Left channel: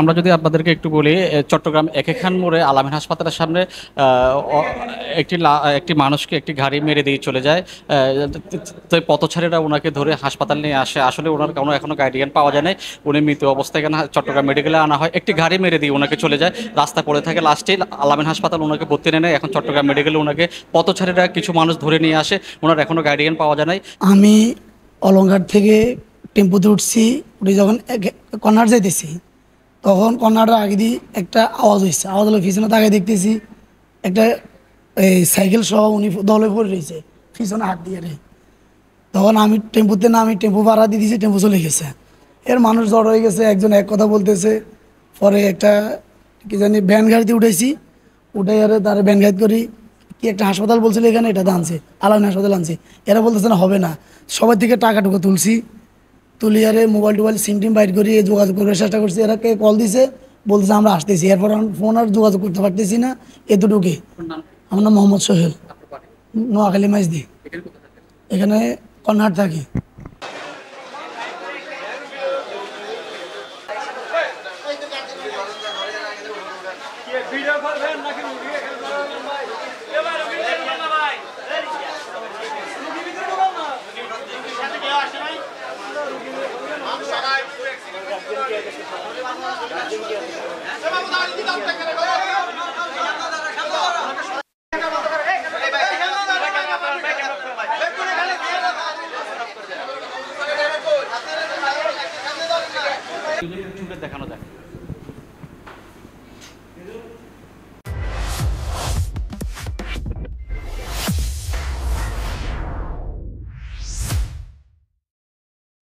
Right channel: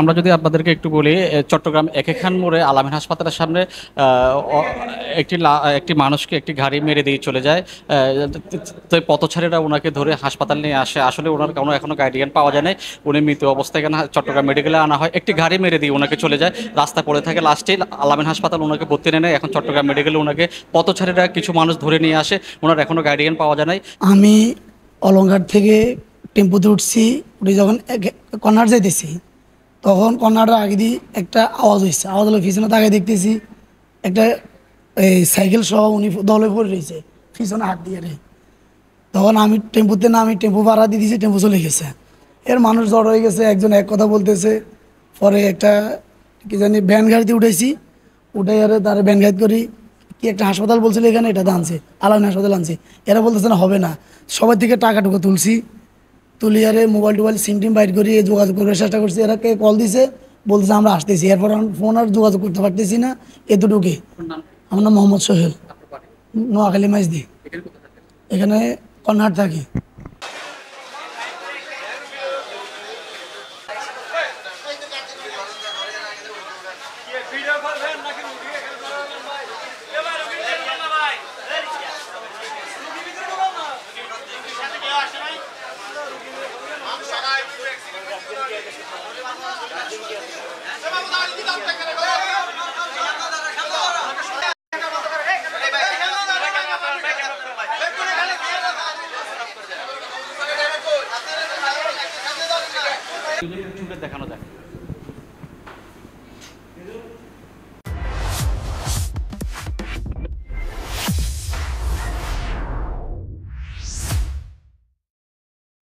আমরা যদি আপনাদেরকে একটু বলি, চট্টগ্রাম একে খান মোড়ে আলামিন হাসপাতালের সামনে একটি মানুষকে একটি গাড়ি মেরে দিয়ে চলে যায়। তো পথচারীরা ওনাকে ধরে হাসপাতাল নিয়ে আসে। আসলে ওনার কোনো এখনো গাইডলাইন পাওয়া যায় নাই। উনি মৃত অবস্থায় এখানে চট্টগ্রাম মেডিকেলে আনা হয়। একটি গাড়ি মেরে দিয়ে ওনাকে চলে যায়, রাস্তা পড়ে থাকে। লাস্টে আলামিন হাসপাতাল ওনাকে ভর্তি নেয়। এখন চট্টগ্রাম মেডিকেলে ওনাকে পথচারীরা কিছু মানুষ ধরে নিয়ে আসে। ওনার এখনো গাইডলাইন পাওয়া যায় নাই। আমি অলংঘাট থেকে টেম্পুতে উঠছি, উঠে যখন কর্নার যাইতেছি তখন কর্নারটা আগে দিয়ে একটা আওয়াজ হয়েছে। আওয়াজ হলো পিছনে তাকে দেখতেছি একটা এই সাইকেল সহ উনি দলে পড়ে রয়েছে পিছনে হাত দিয়ে রে। তখন আমি টেম্পুতে নামি, টেম্পু ভাড়া দিয়ে দিয়েছি, টেম্পু চলে গেছে। এর মানুষ জড় হয়ে গেছে, একজন এক কথা বলতেছে। পরে একটা কি জানি ভ্যান গাড়িতে উঠেছি, উঠে আর তার ভ্যান গাড়ি করি কি একটা হাসপাতাল বলছিল এখানে, এটাতে আনছে, আলামিন হাসপাতাল আনছে। এরা বলতেছে না হবে না, সবার থেকে টাকা টুকু তুলছি, তুলি আরে মোবাইল টোবাইল সিম টিম বাইর করি যোগাযোগ করার চেষ্টা করছি। এরা কে কল দিছে, বলতেছে আমরা আসতেছি। এরপর আমি ফোন আর যোগাযোগ করতে পারতেছি না, এতটুকুই। আমার নাম মোহাম্মদ সোহেল, নোয়াখালী মাইজদি, এখানে কর্নার থাকি। দেখানো যায়।